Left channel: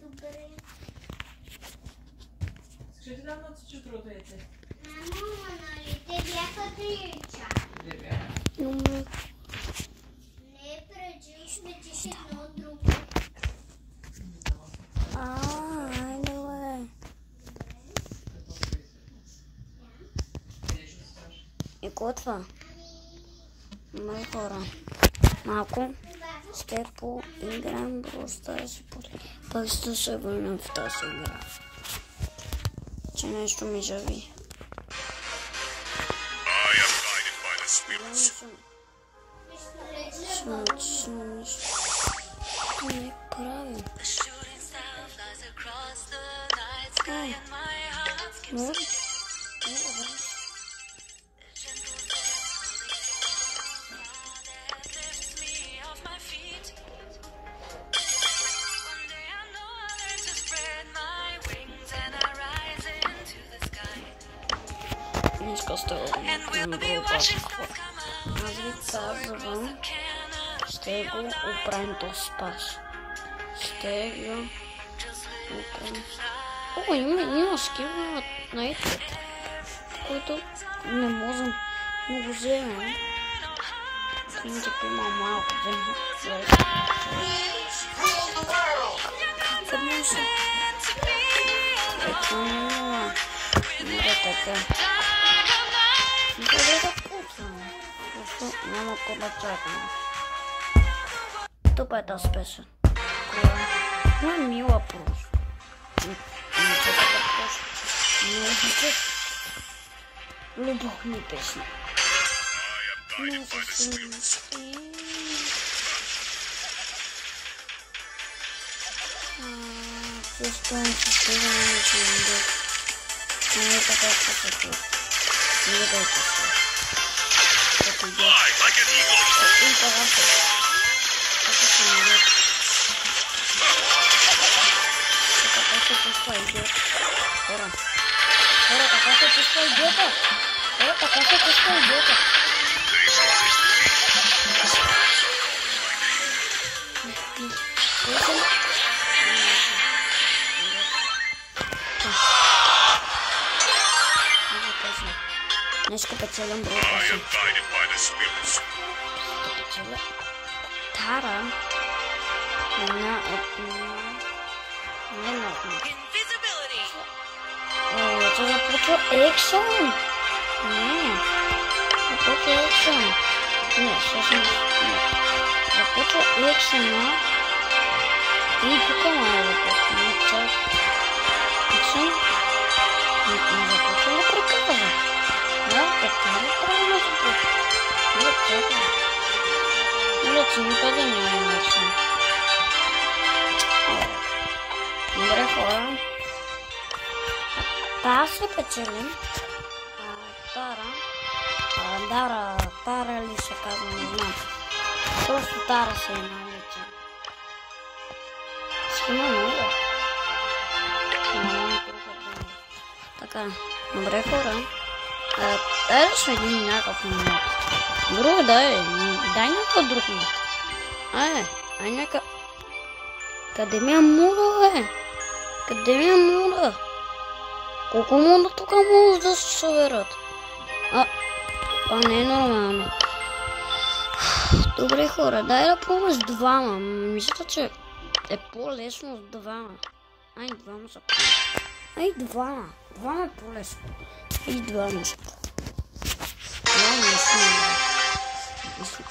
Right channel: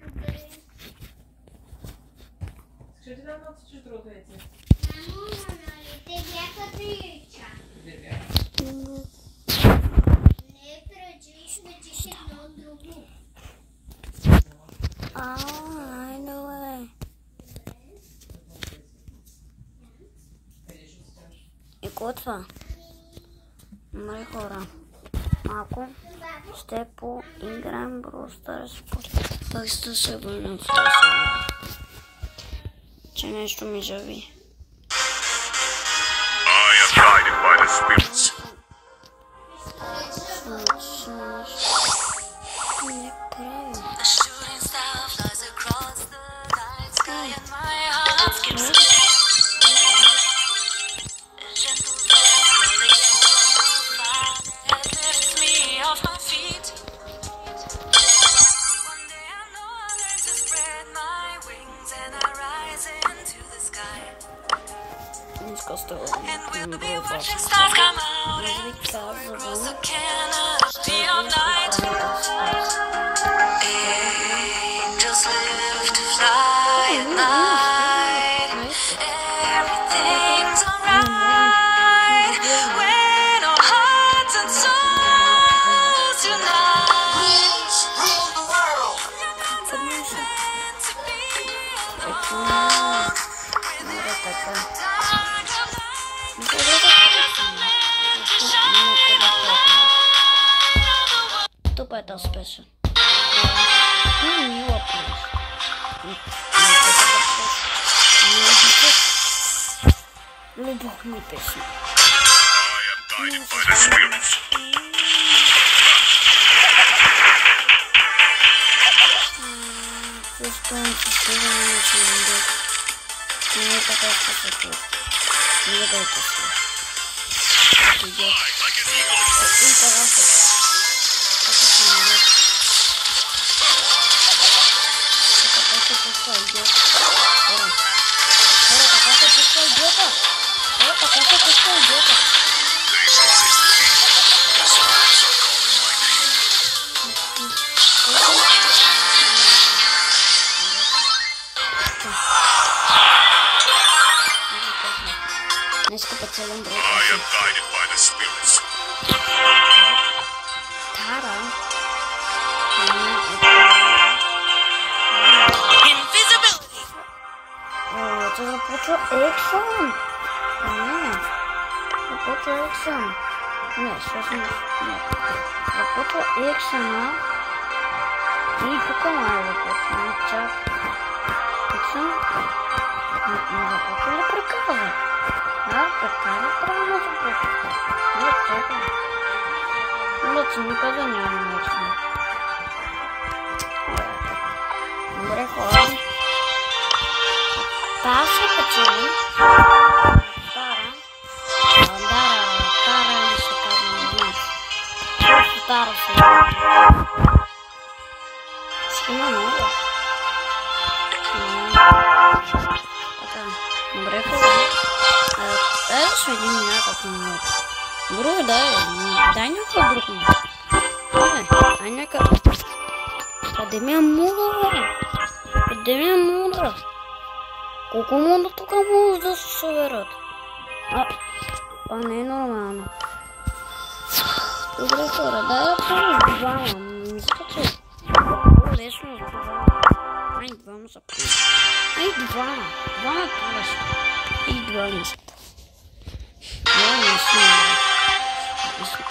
Добре. Ще ти дам на чутрото яйце. Мамо, нали те бяха 3 яйца? Две бяха. Не, преди сметиш едно друго. Айде. И готва. Мали хора. Малко ще поиграем просто пак ще се върнем в тази игра. Че нещо ми жави. I am guided by the spirits. Не прави. And we'll be watching stars come out across the canopy of night. Angels live to fly at night. Everything's alright when our hearts and souls unite. Rule the world. You're not meant to be alone within the dark of night. Тупо это спешен. Ну, мило плюс. Любовь не песня. I am guided by the spirits. Что он сейчас идет? Ну, это как-то тут. Не дай пошли. Это идет. Fly like an eagle. И пожалуйста. Как это не идет? Это как-то пошла идет. Скоро. Скоро, как-то пошла идет. Скоро, как-то пошла идет. They resist me. The spirits are calling my name. Днеска поцелуем друг. I am guided by the spirits. Тара. Invisibility. О, это запутал Эксон. Не. Запутал Эксон. Нет, сейчас не. Нет. Запутал Эксона. И Покомай запутал. Нет, так. Эксон. Нет, не запутал. Да приказы. Да, приказы правильно запутал. Вот это. Вот, никогда не умеется. Добре хора. Та се качели. Тара ли се казва, не знам. Просто Тара се казва. Схема много. Така, добре хора. Дай да сведим някакъв момент. Друг дай някакъв друг момент. Ай някакъв. Къде ми е муда, бе? Къде ми е муда? Колко муда тук може да се съберат? Това не е нормално. Добре хора, дай да пробвам с двама. Мисля, че е по-лесно с двама. Ай, двама са по-лесно. Ай, двама. Двама е по-лесно. И двама са по-лесно. Двама не си не. Мисля,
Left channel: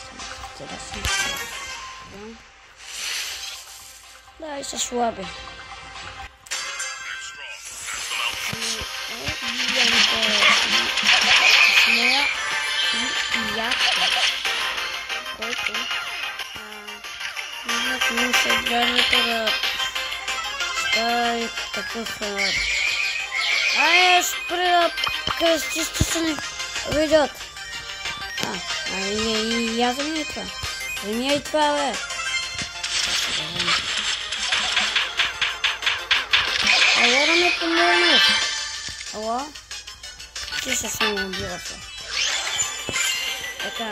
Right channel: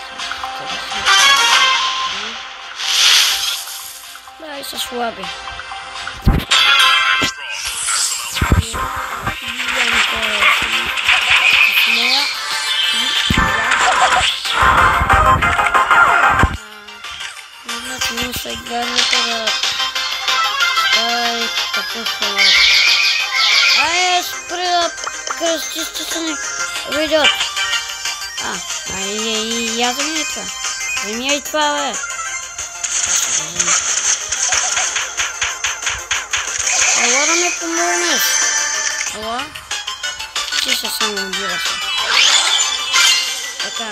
да, и са слаби. Нужно след задника да стави такъв халат. Ай, спри да кръстища се не видят. Я вземи и това. Вземи и това, бе. Ела да ме помогнеш. Ела. Ти ще само убира се. Така.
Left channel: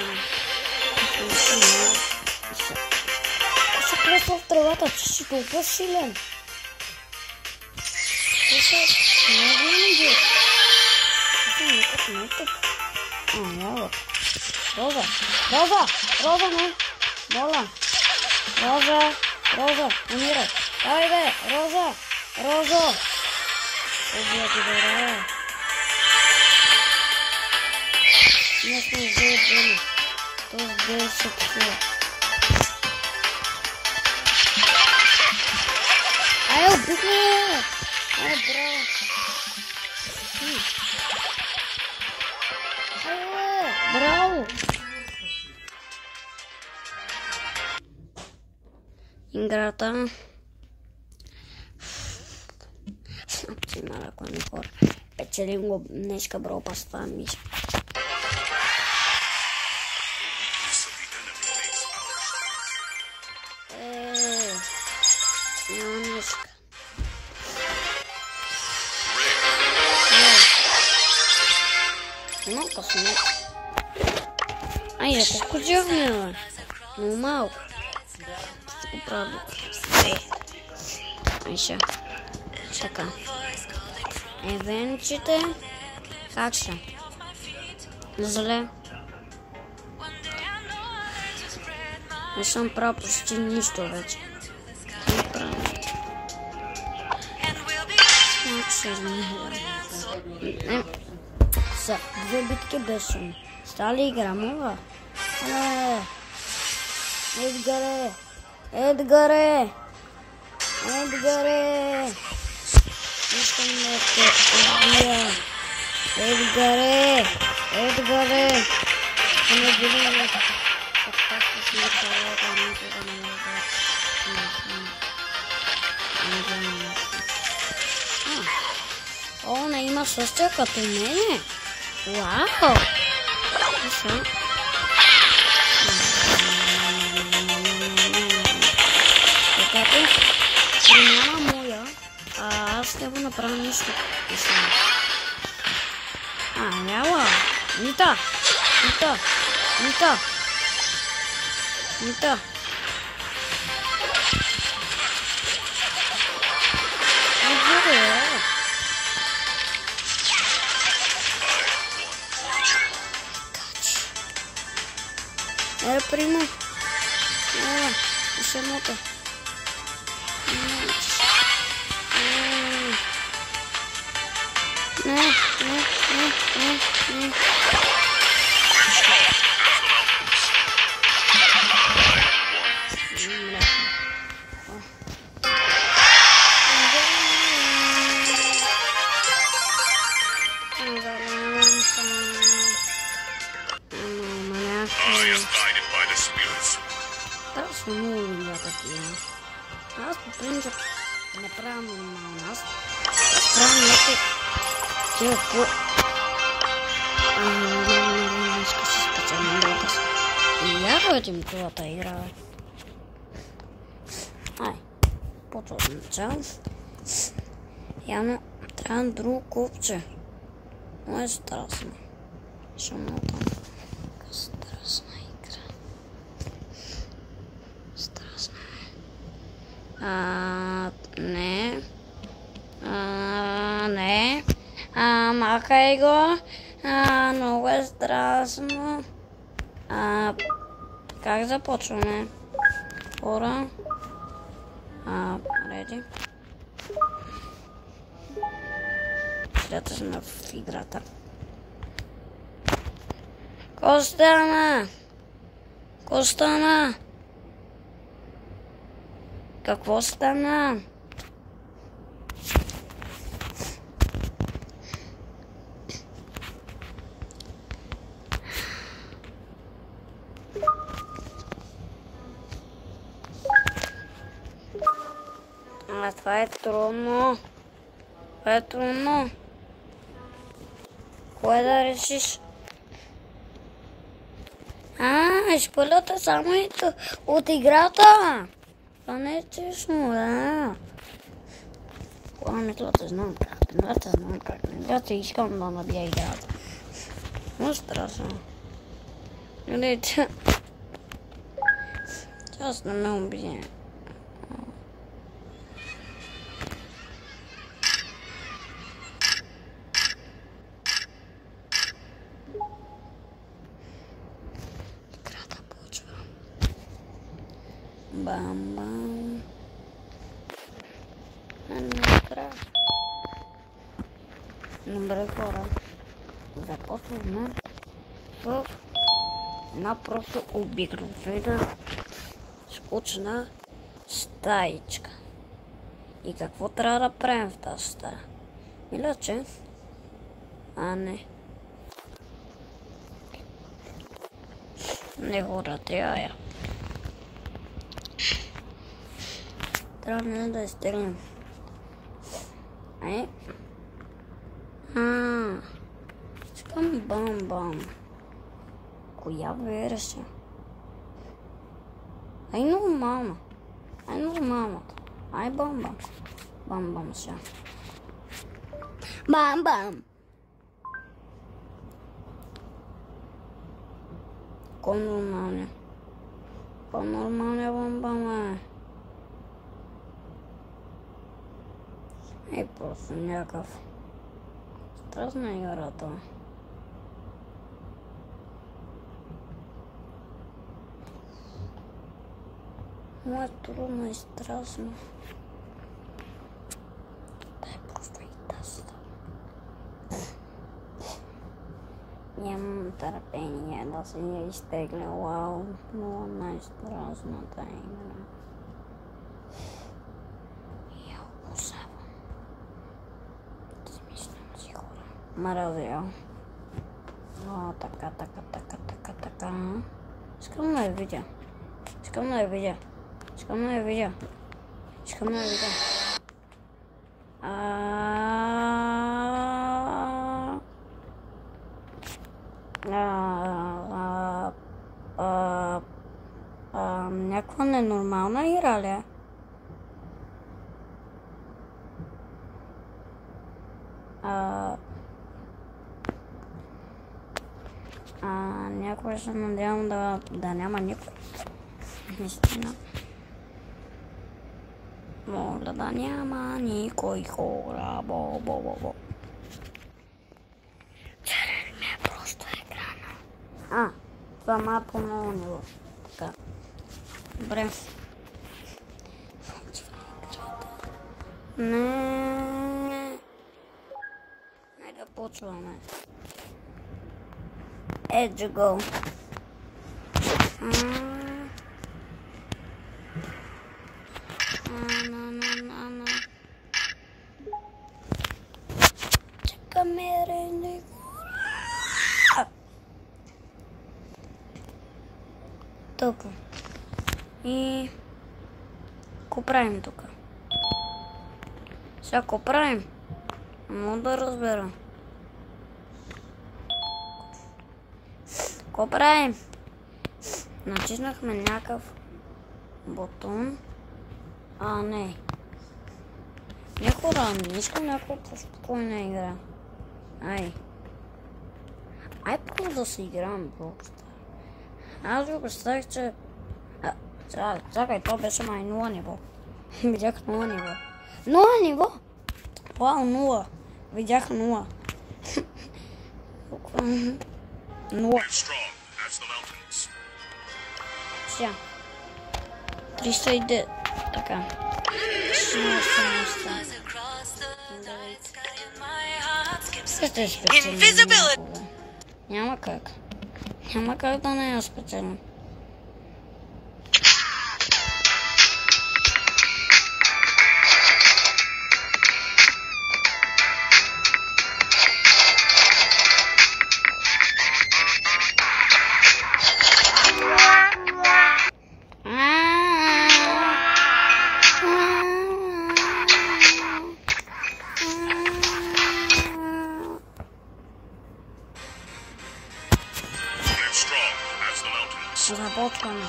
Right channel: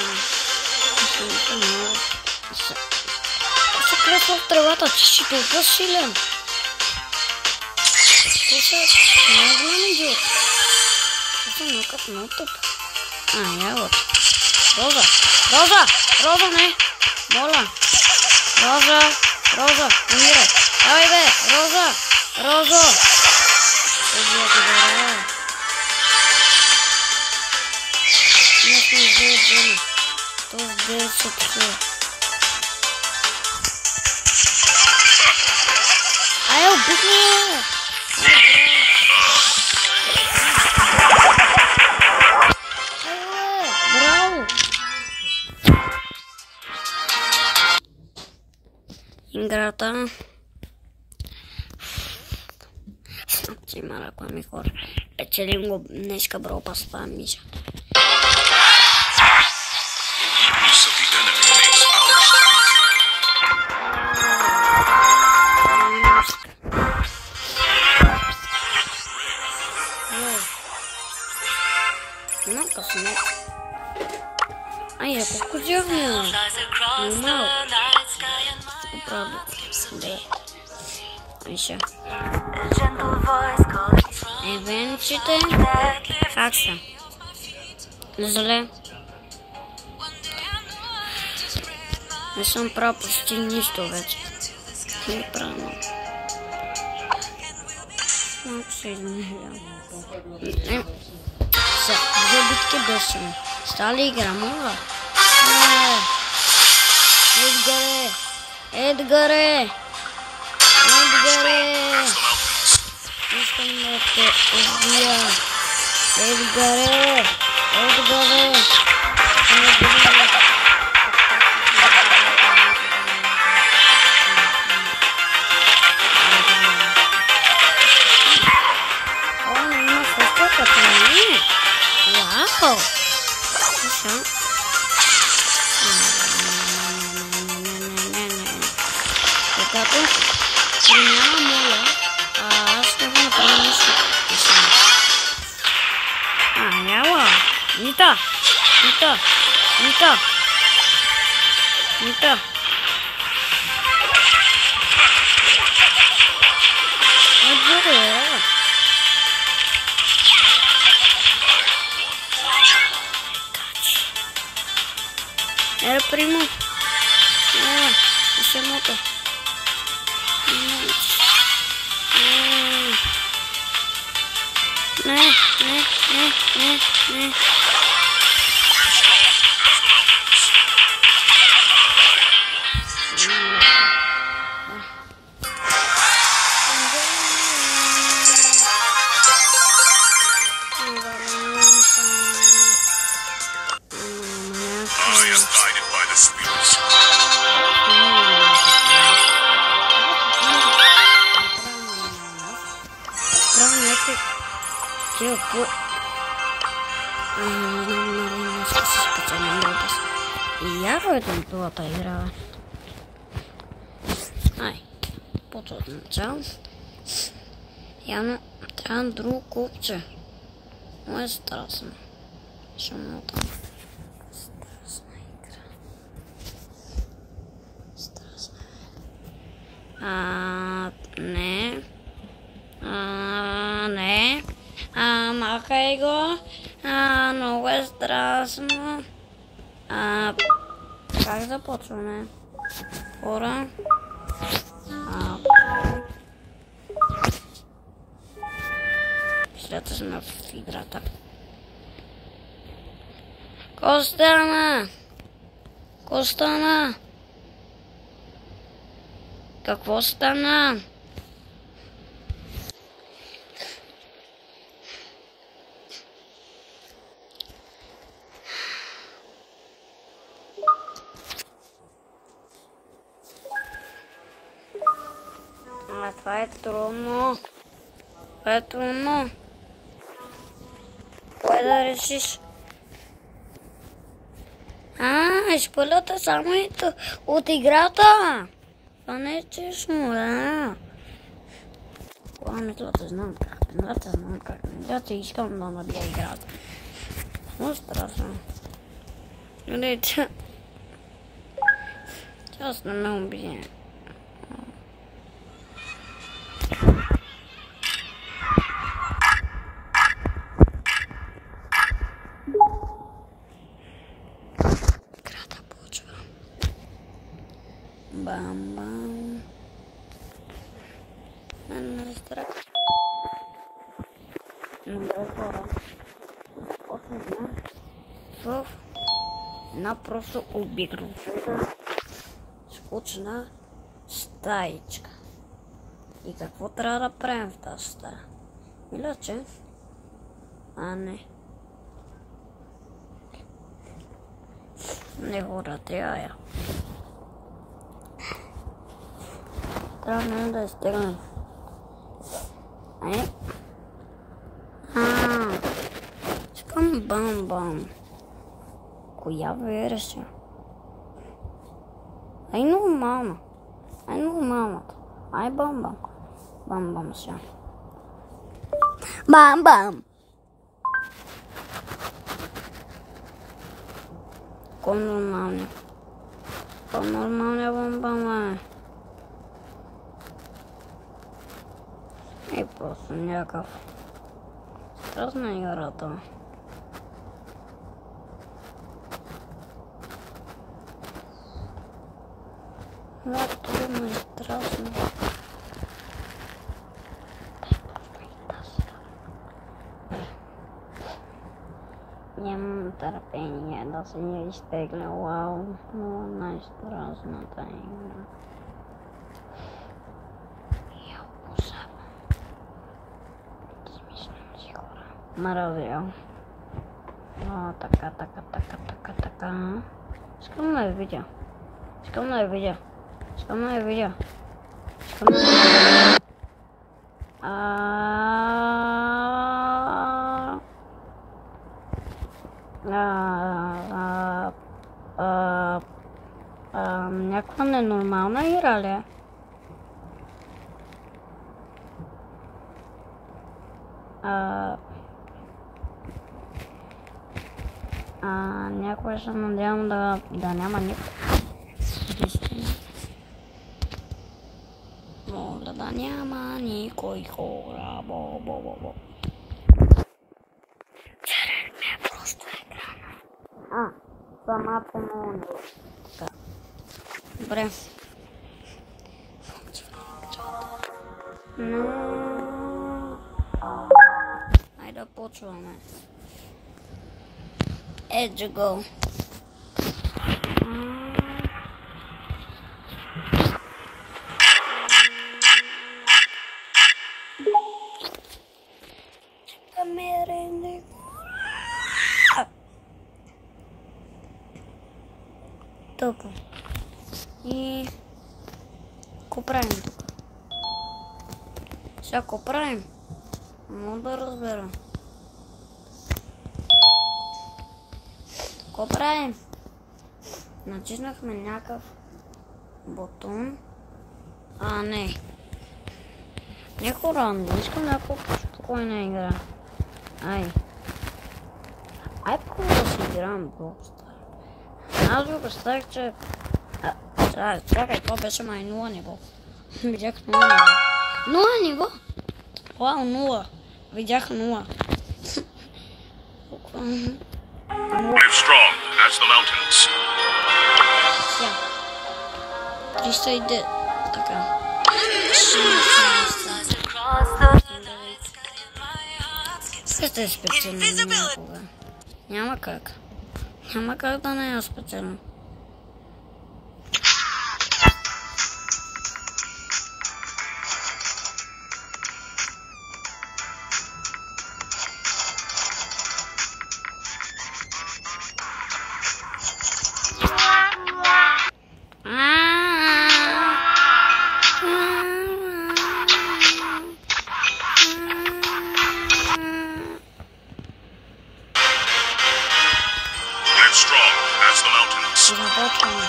кръсва в тревата, че си толкова силен. Това са много голям идиот. Това е някакъв много тъп. Ягод. Роза, Роза, Роза, не. Моля. Роза, умирай. Давай бе, Роза. Роза ти добре. Не сме с 9 жени. То с 9 се псува. Ай, обихме! Браво! Играта. Си малко не хора. Печелим го днеска Brawl Pass, това мисля. Use of the enemy makes our Много късмет. Ай, колко дявня. Много малко. Правда. Айша. Евенчите. Как са? Зле. Не съм правил почти нищо вече. Не правил. Малко се измиля. Са, две битки десен. Стали игра, моля. Едгаре! Искам да те убия. Едгаре! Не бъде. О, не има също като не. Вау! Слушам. Когато няма моя, аз ще го направя нещо. Няма. Нита. Отборе. Era primo. Isso é moto. I am guided by the spirits. И я ходим това игра. Ай, по-точно начало. Явно трябва друго купче. Но е страшно. Ще много там. Страшна игра. Страшна е. Не. Не. Махай го. Много е страшно. Как започваме? Хора. След сме в играта. Костана! Какво стана? Това е трудно. Кое да решиш? Изпълята само от играта. Това не е честно, да. Играта знам как. Играта искам да набия играта. Много страшно. Гледайте. Аз не ме убие. Играта почва. Бам-бам. Накрая. Добре, хора. Започваме в една просто обикновена скучна стаичка. И какво трябва да правим в тази стая? Иначе? Не. Не хора, трябва. Трябва да изтегнем. Искам бам-бам. Коя версия? Ай нормална. Ай нормалната. Ай бам-бам. Бам-бам сега. Бам-бам. Кой нормалния? Кой нормалния бам-бам е? Ей просто някакъв. Страшна играта. Да, трудно и страшно. Дай просто и тази. Нямам търпение да се я изтегля. Вау, много най-страшната игра. Я обожавам. Смислям си хора. Мразя. Така. Искам да я видя. Искам да я видя. Някаква ненормална игра ли? Някой се надявам да няма никой. Наистина. Моля да няма никой хора. Бо. Черен ми е просто екрана. Това по-ново ниво. Така. Добре. Не. Айде да почваме. Edge go. Чакаме ренде. Тук. И какво правим тук? Сега какво правим? Мога да разбера. Какво правим? Натиснахме някакъв бутон. Не. Не хора, не искам някаква спокойна игра. Ай първо да си играем Блокстар. Аз ви представих, че... Чакай, това беше май 0 ниво. Видях 0 ниво. 0 ниво? Вау, 0. Видях 0. Live strong as the mountains. 309. Така. Ще е специално някога. Няма как. Няма как да не е специално. Започваме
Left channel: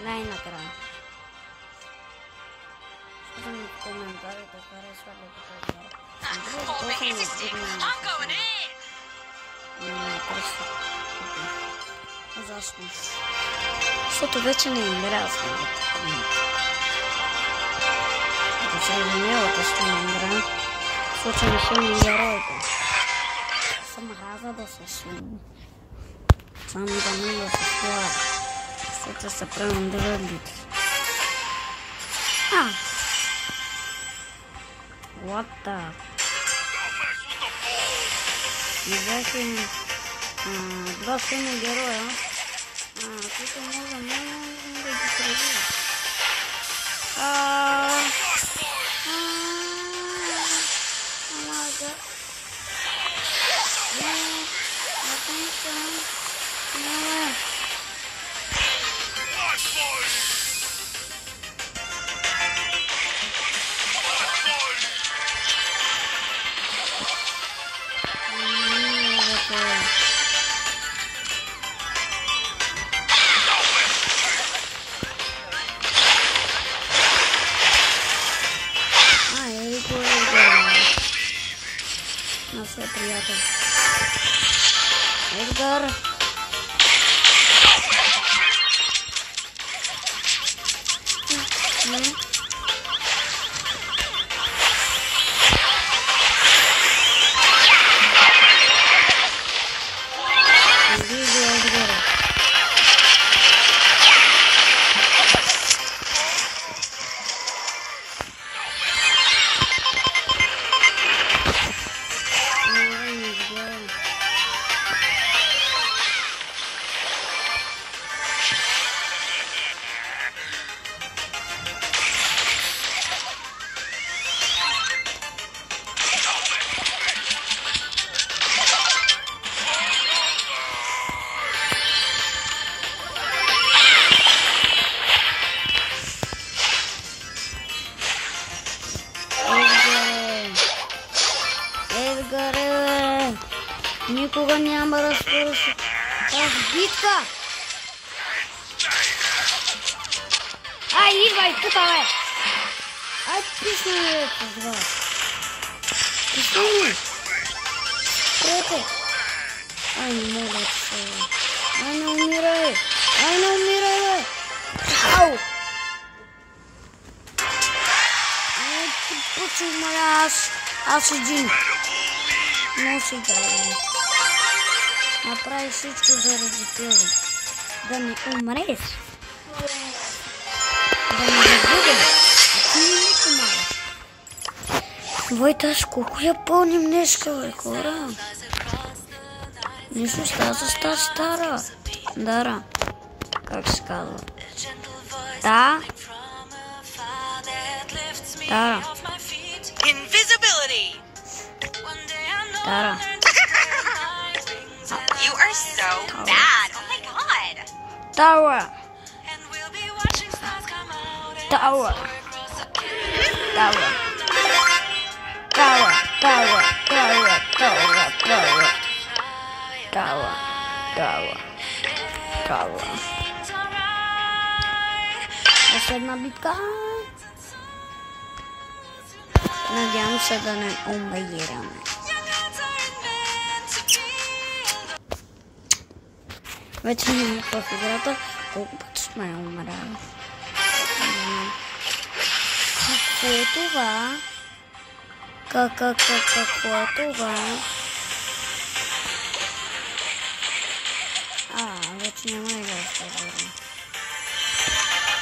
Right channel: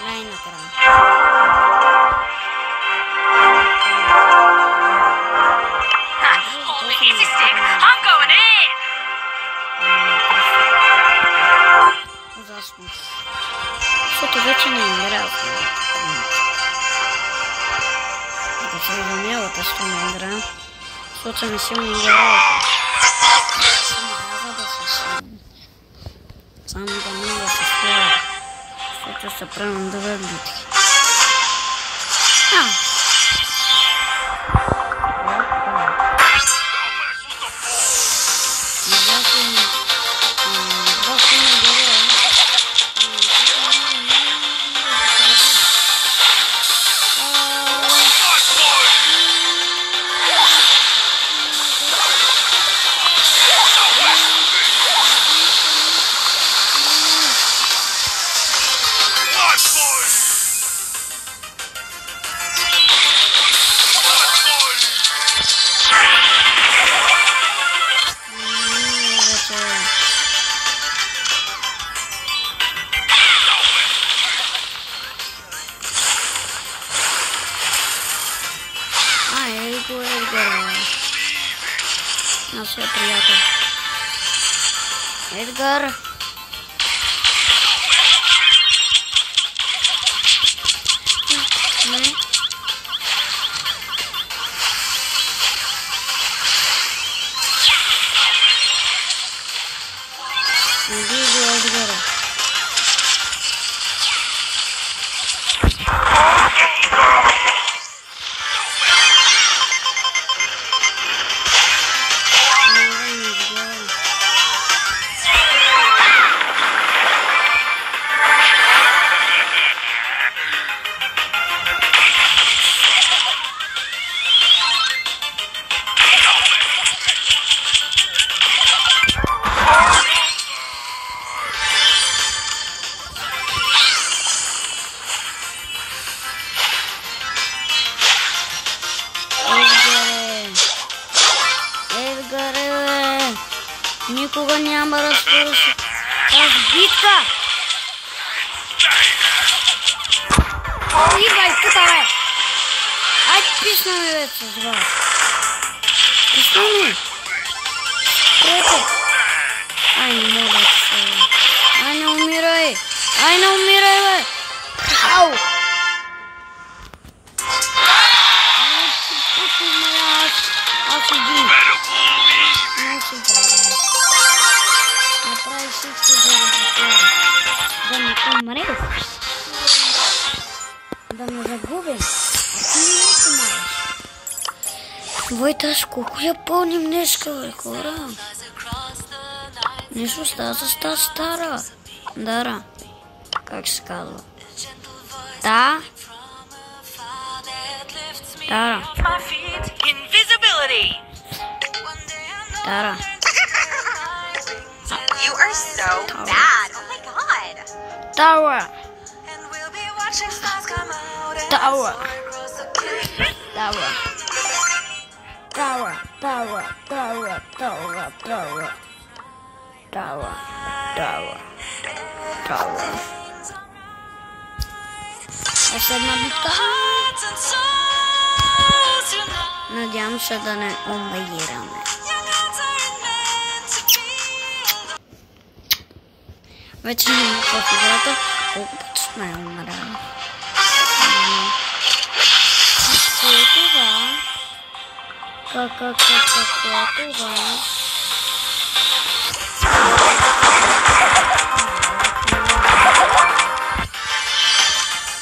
най-накрая. Ужасно. Защото вече не играя в него. Ако се изумявате с това не играя, защото не си не играя. Съм рада да се само да мога се слава. Защото се правим две битки. Два силни героя. Нашия приятел. Едгар. Никога няма да свърши тази битка! Ай, идвай тук, бе! Ай, писна ми, бе, с вас! Писна ми! Спрете! Ай, не мога да се... Ай, не умирай! Ай, не умирай, бе! Ау! Ай, ти почуй, моя аз един! Не си дай. Направи всичко заради това. Да не умреш. Да не загубим. А ти не ми помагаш. Войта, колко я пълним днеска, бе, хора. Нещо става с тази стара. Дара. Как се казва? Да. Дара. Dara. You are so bad. Oh my god. Dara. Dara. Dara. Dara. Dara. Dara. Dara. Dara. Dara. Dara. Dara. Още една битка. Надявам се да не умираме. Вече не ми в играта, колко пъти сме умряли. Какво е това? Какво е това? Вече не умряли.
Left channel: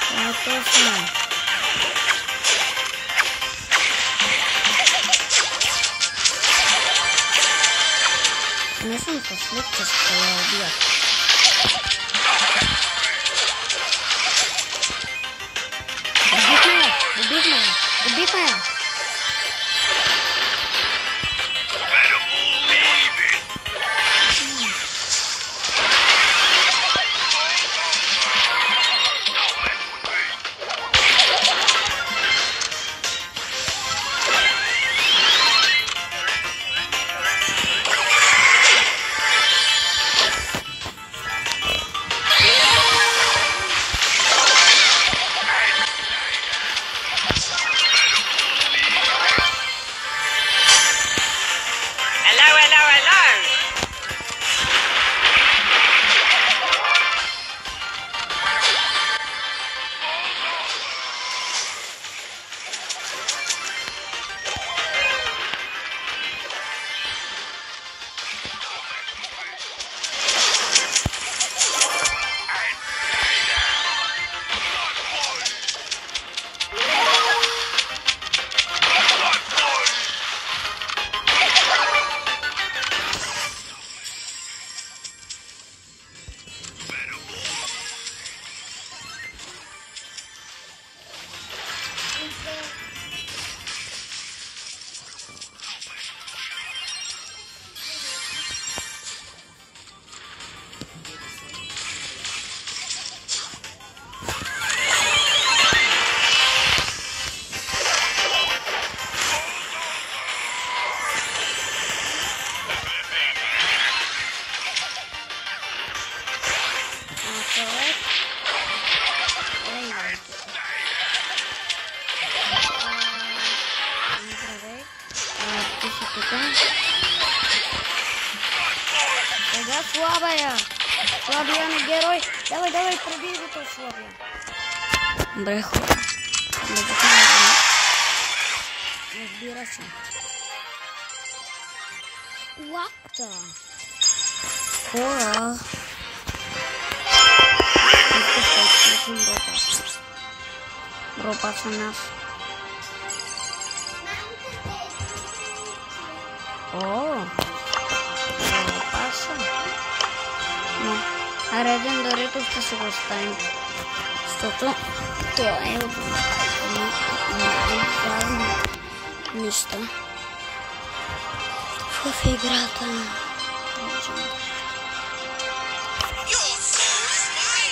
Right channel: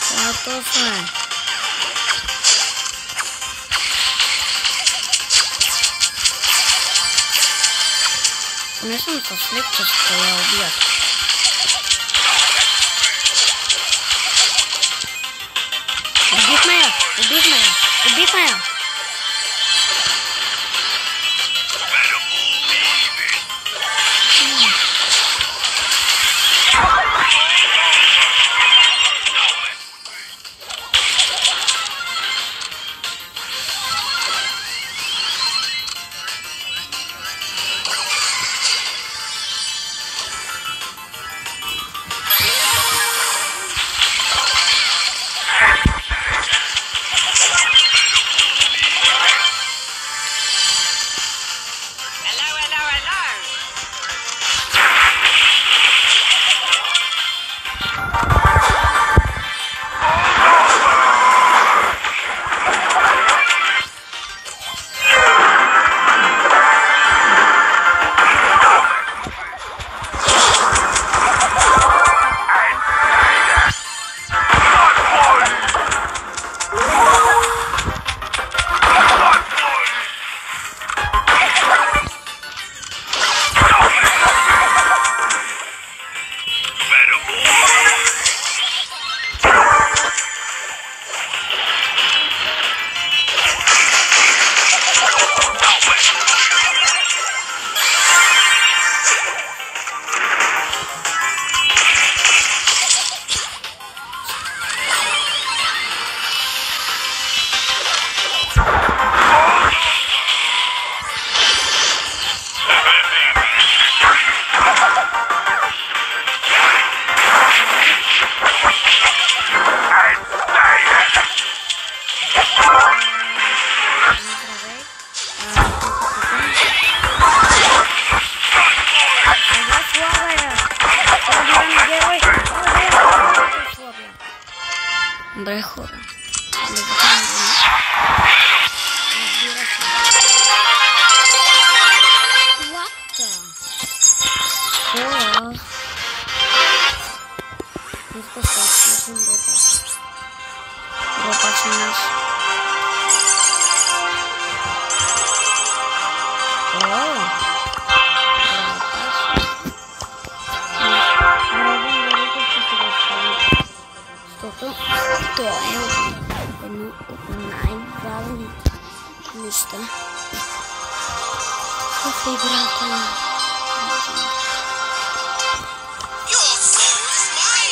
Това е точно. Не съм със след, че ще я убият. Убихме я! Добре, хора. Да покажем. Разбира се. Лапта. Хора. Група се нас. Реден дерето ще си го оставим. Защото това е от най-важни неща в играта.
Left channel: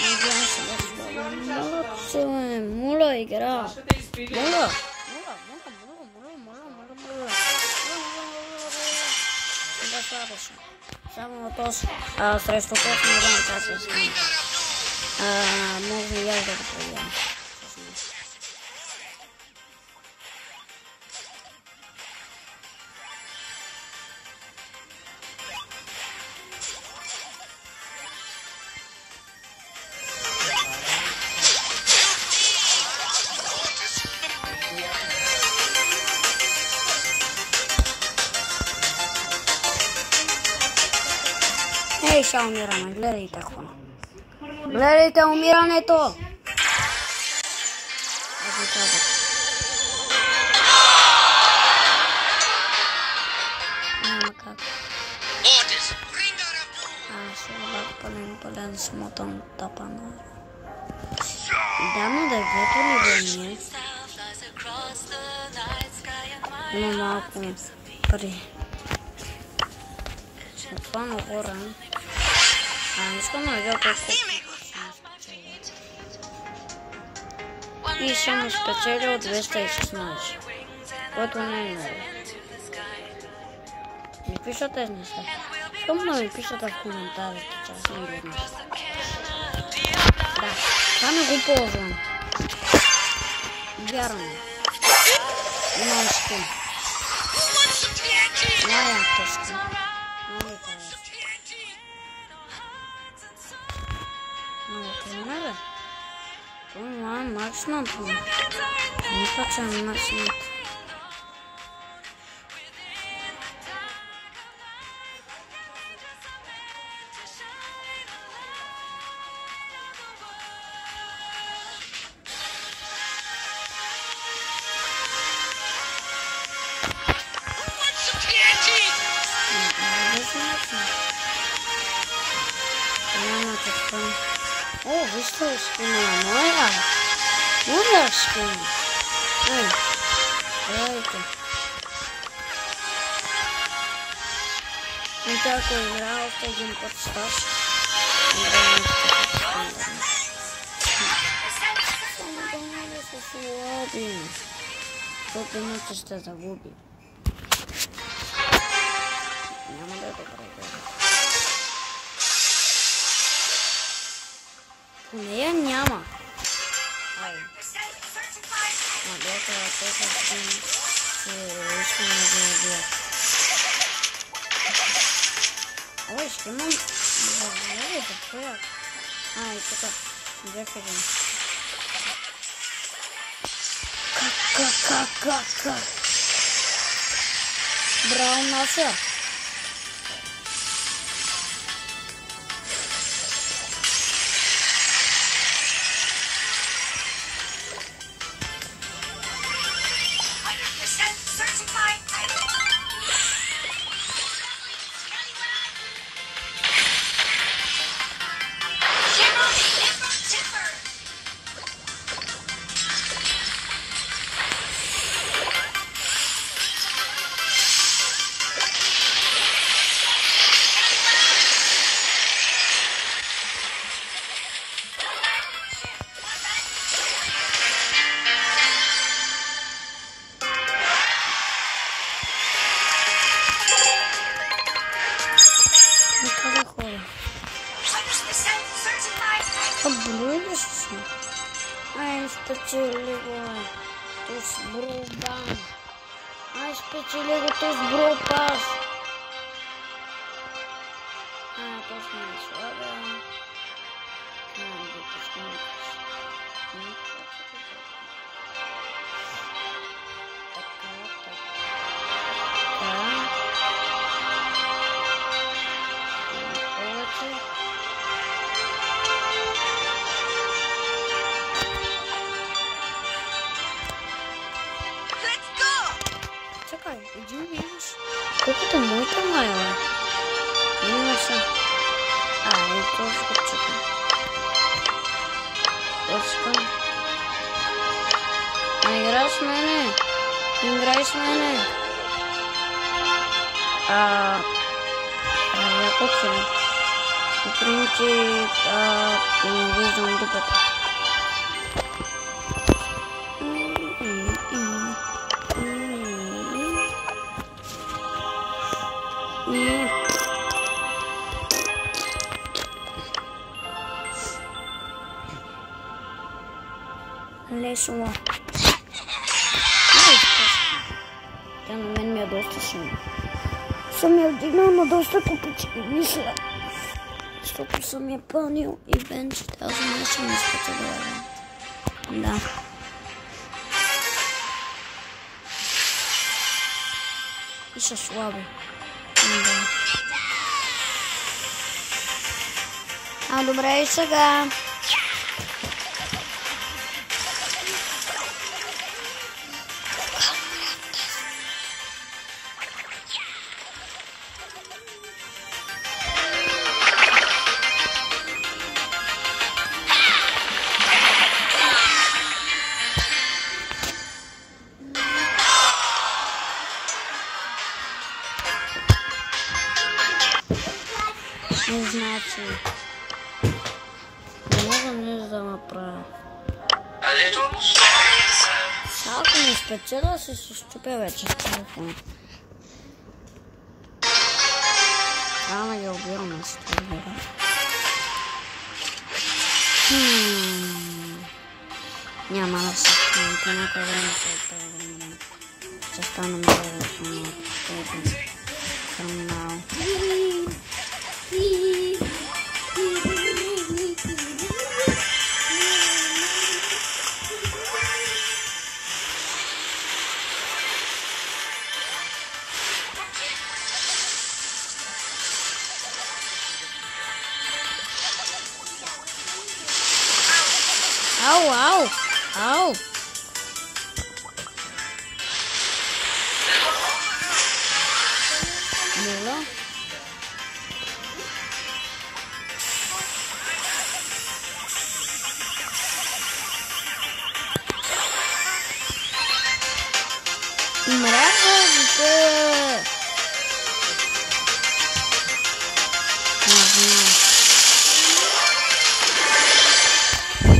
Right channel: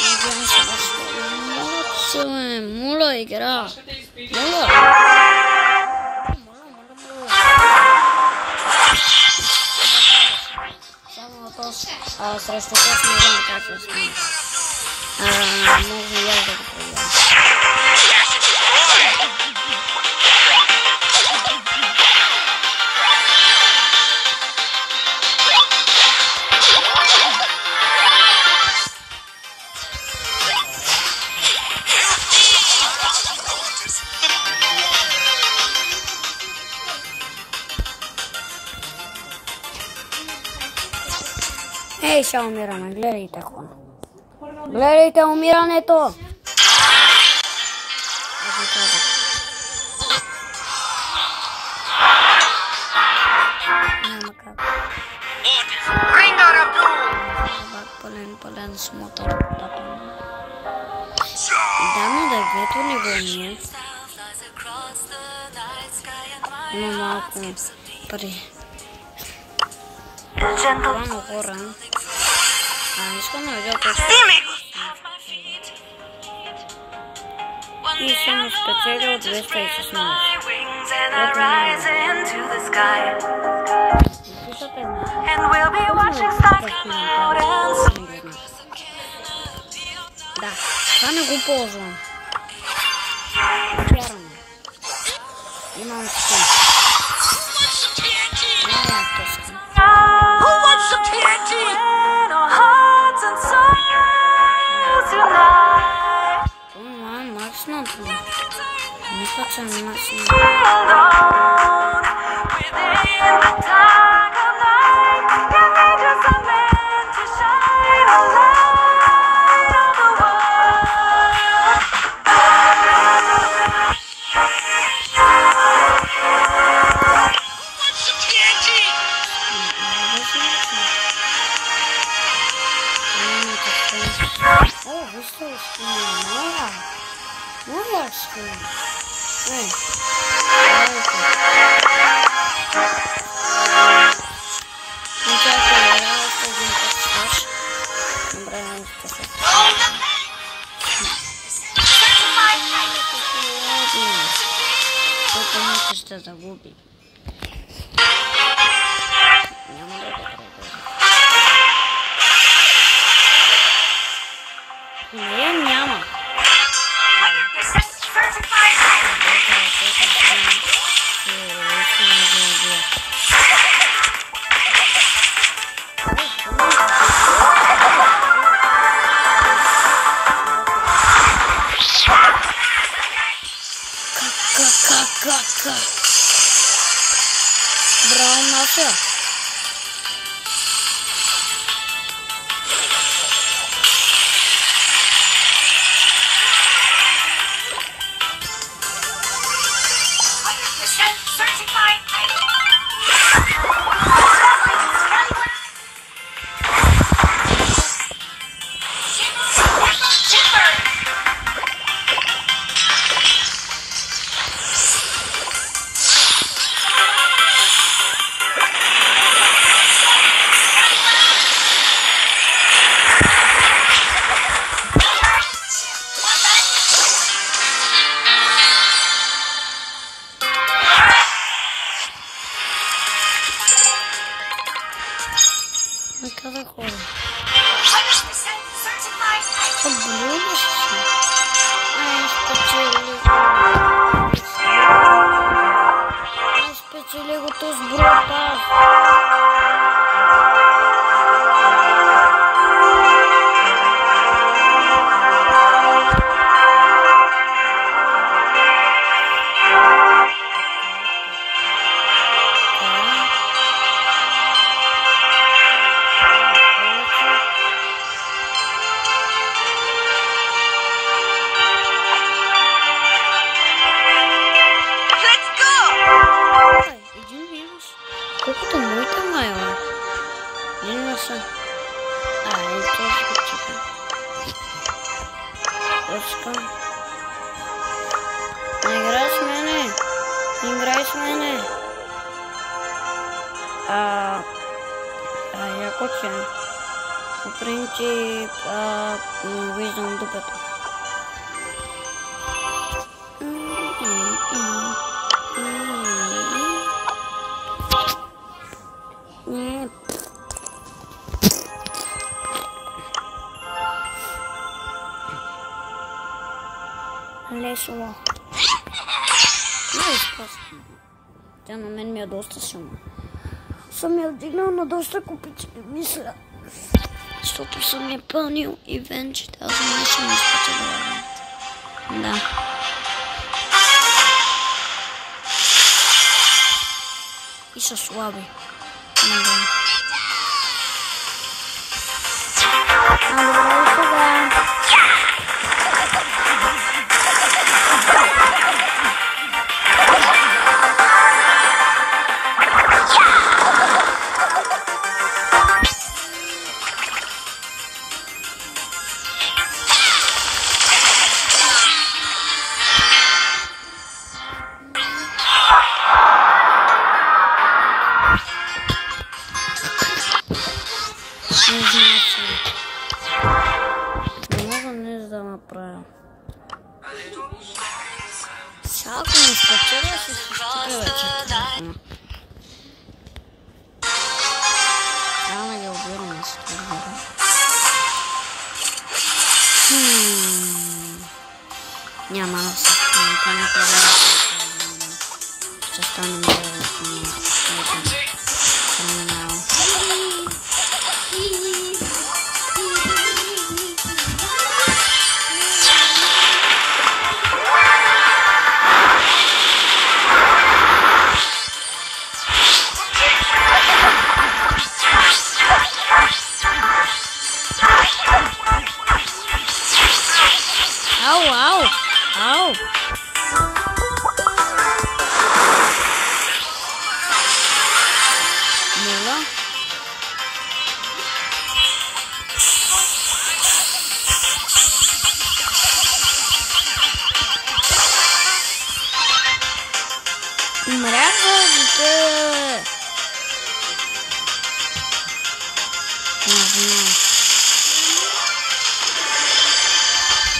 Надявам се да ще бъде моля игра. Моля. Само този срещу този не знам как да стане. Може и аз да го проверя. Ей, сега умираме, гледайте хора. Гледайте умирането! Аз ви казах. Няма как. Пълен смотан тапан. Да, но да гледате ли го ние? Има малко пари. Буквално хора. Искам да видя колко. И съм спечелил 216. Което не е много. Напишете неща. Хубаво да напишете в коментарите. Да, това не го ползвам. Вярвам. Имам скин. Най-якото скин. Това е максималното. Мисля, че е максималното. О, вижте скини, моя скини. Ей, давайте. Чакай, играл с един персонаж. Играем с защото мисля ще загуби. Няма да добре. Нея няма. Как? Браво, Наша. Cada hora. Ai, specjalego to zbropa. са? Ето ще го чакам. Почкам. Играй с мене. Играй с мене. Яко че. По принцип, виждам дупето. Лесло. Тя на мен ми е доста силна. Съм я вдигнал на доста купички, мисля. Защото съм я пълнил и венче тази не съм изпечелила. Да. И са слаби. Да. Добре, и сега. Не мога нещо да направя. Ако не спечеля, ще се щупя вече в телефона. Трябва да ги обираме с това. Няма да се стане, понякога да се ще стане много криминал. Ау! Моля? Мразите! Не знам.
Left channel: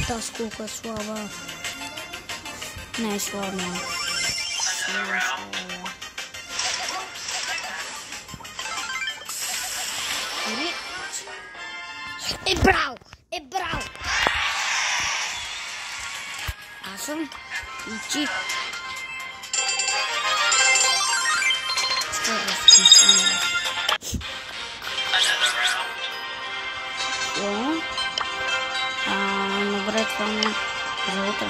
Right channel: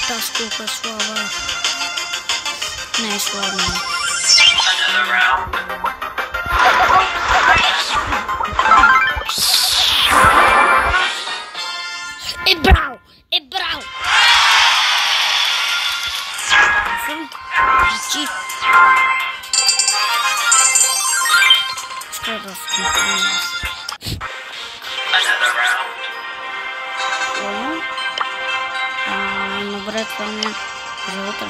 Тази колко е слаба. Не е слаба. Е брал! Аз съм ичи. Ще да смисля. Добре, това не е за утре.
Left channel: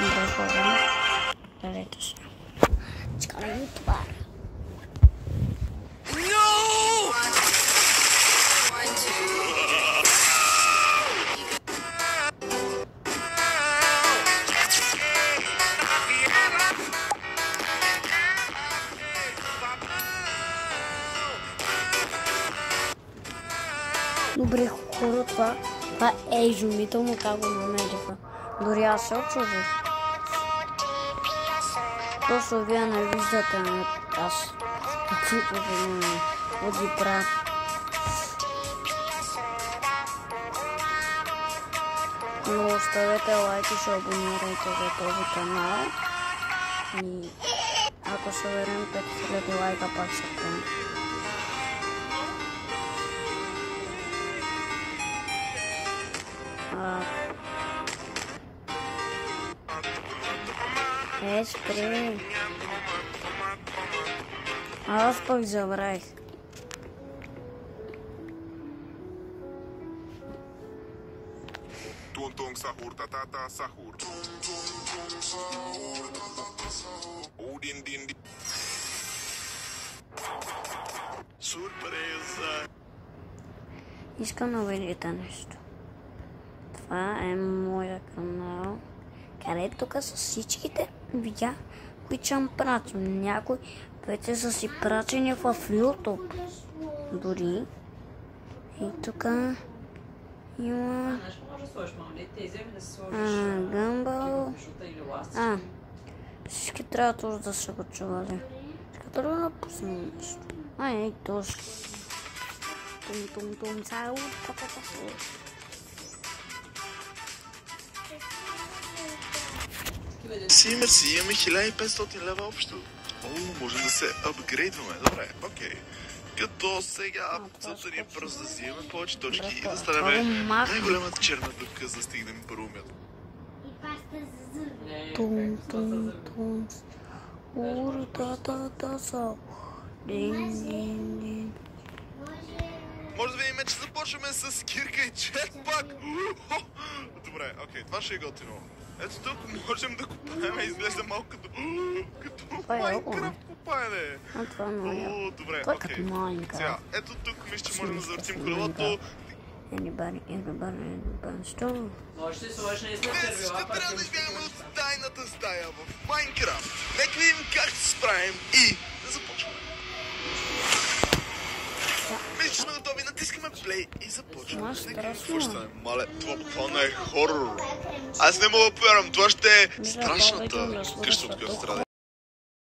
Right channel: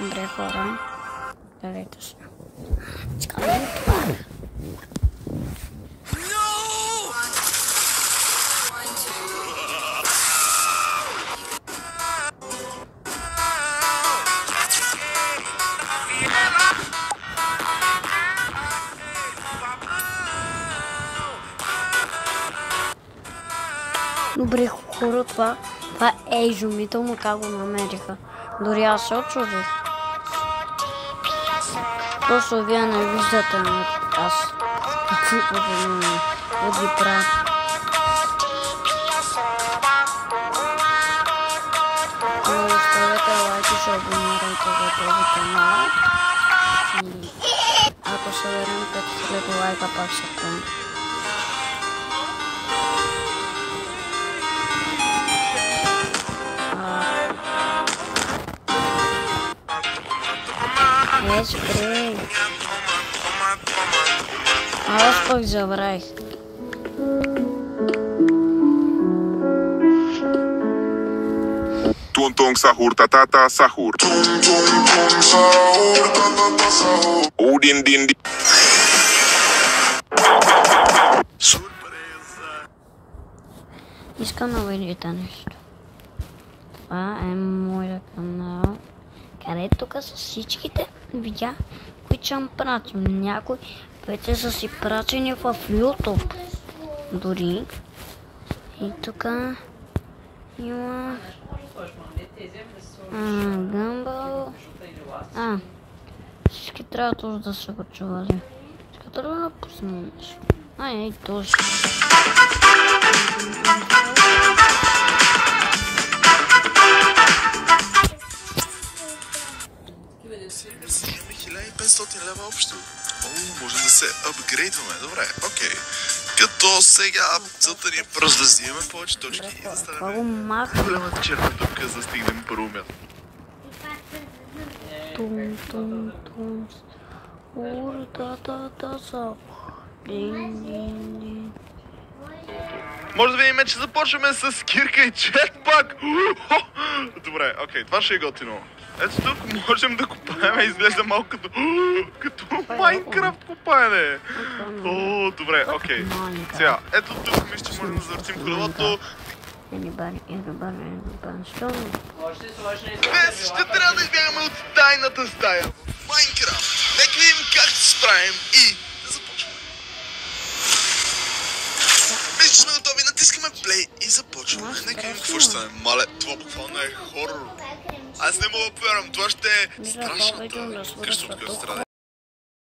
Добре, хора. Дадете се. Скаме това. Добре, хора, това е изумително как го намериха. Дори аз се очудих. Просто вие не виждате аз какви ги правя. Но оставете лайк и се абонирайте за този канал. Ако се верим 5000 лайка, пак се помня. Спри. Аз пък забравих. Tuntong sahur tatata sahur. Udin din din. Искам да видите нещо. Това е моя канал, където тук са всичките видеа, обичам прачим. Някои вече са си прачени в YouTube. Дори. И тук има Може да сложиш монети, тези да се сложиш гъмбъл. жута или ласт. Всички трябва тоже да са го чували. Сега трябва да пуснем нещо. Ей, тоже. Си, имаме 1500 лева общо. Може да се апгрейдваме. Добре, окей. Като сега целта ни е просто да взимаме повече точки и да станем най-голямата черна дупка, за да стигнем първо място. Тум, тум, тум. Ур-да-да-да-са. Дин-дин-дин. Може да видим, че започваме с кирка и четпак. Добре, окей, това ще е готино. Ето тук можем да копаем, изглежда малко като Майнкрафт копаене. О, добре, окей. Сега, ето тук мисля, че можем да завъртим колелото. Anybody, strong. Може да сложиш на Днес ще трябва да избягаме от тайната стая в Майнкрафт. Нека видим как ще се справим и да започваме. Мисля, че сме готови, натискаме плей и започваме. Нека видим какво ще стане. Мале, това буквално е хорор. Аз не мога да повярвам, това ще е страшната къща, от която страда.